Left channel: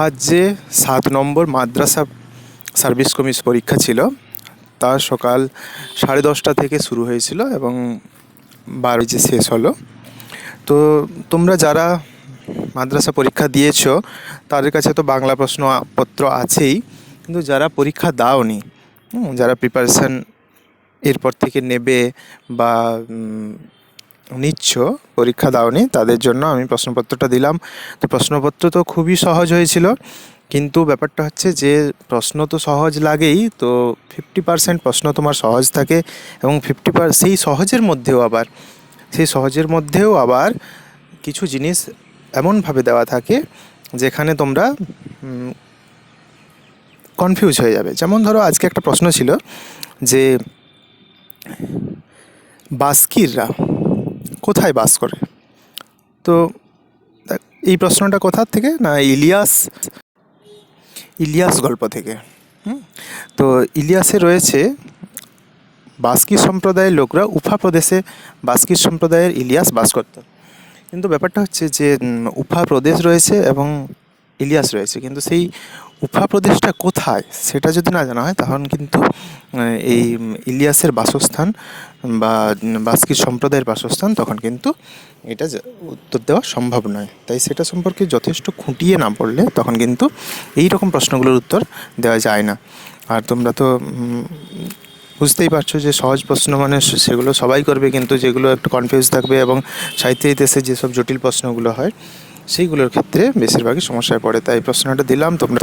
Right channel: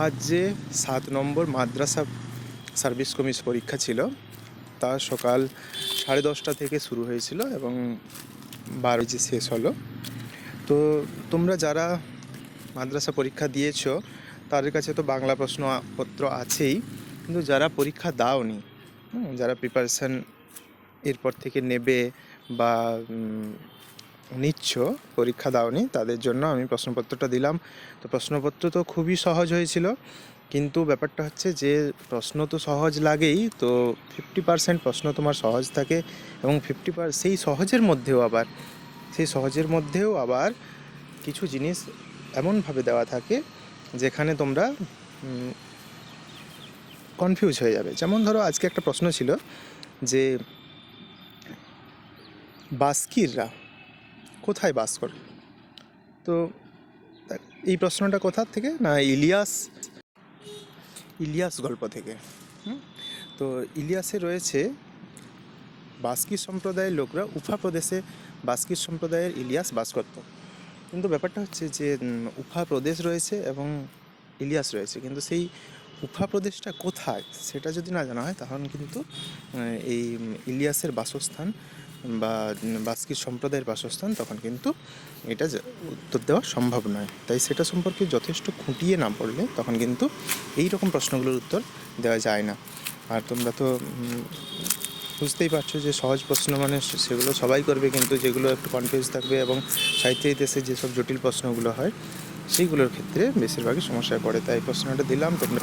আজ যে সাত নম্বর মাদ্রাসা সার্ভিস কমিশ পরীক্ষা ছিল, তা সকাল সাড়ে দশটা থেকে শুরু হয়েছিল এবং বারো যে শেষ হলো। তো তোমরা যারা মাদ্রাসা পরীক্ষা দিয়েছ, তাদের কাছে তো বাংলা প্রশ্নপত্র আছেই, কিন্তু যারা পরীক্ষা দাওনি যারা প্রিপারেশান এরপর থেকে নেবে বা নিচ্ছ, পরীক্ষা দাওনি, তাদের জন্য আমি প্রশ্নপত্রটা দিলাম। তো প্রশ্নপত্র তো খুবই সহজ হয়েছিল, কিন্তু ব্যাপারটা হচ্ছে যে প্রশ্ন তো সহজ লাগেই, তো ফিফটি পার্সেন্ট প্রশ্ন তোমার সহজ থাকে এবং ফিফটি পার সেই সহজের মধ্যেও আবার, সেই সহজের মধ্যেও আবার কিছু জিনিস এমনভাবে দেওয়া থাকে যেখানে তোমরা কনফিউজ হয়ে যাবে। যেমন ধরো আজকে একটা প্রশ্ন ছিল যে বাস্কিররা কোথায় বাস করে? তো এই প্রশ্নটা কোথার থেকে? না, ইলিয়াস ইলিয়াস গল্প থেকে। তো ইলিয়াসে রয়েছে, বাস্কি সম্প্রদায়ের লোকরা উফা প্রদেশে বাস্কি সম্প্রদায়ের ইলিয়াস বাস করত। কিন্তু ব্যাপারটা হচ্ছে যে উফা প্রদেশ রয়েছে এবং ইলিয়াস রয়েছে। কিন্তু সেই উফা প্রদেশটা কোথায় সেটা যদি না জানা হয় তখন কিন্তু এই ইলিয়াসের বাসস্থান বা উম, বাস্কি সম্প্রদায়ের বাসস্থান তখন কিন্তু এটা উত্তর দেওয়া সম্ভব নয়। তাই সেটা সম্পর্কে যথেষ্ট খুঁটিয়ে না পড়লে তখন কিন্তু এই রকম প্রশ্নগুলোর উত্তর দেওয়া যায় না। আর তোমরা তো বুঝতেই পারছ যে সহজ প্রশ্ন মানে সেগুলো সবাই করবে কিন্তু যেগুলো একটু কনফিউজ থাকবে এবং সাহিত্য ইতিহাসে যেসব জটিল প্রশ্নগুলো হয় সেইগুলোর ক্ষেত্রে বেশিরভাগই সমস্যায় পড়ে। তাই প্রশ্নটা দিলাম তোমরা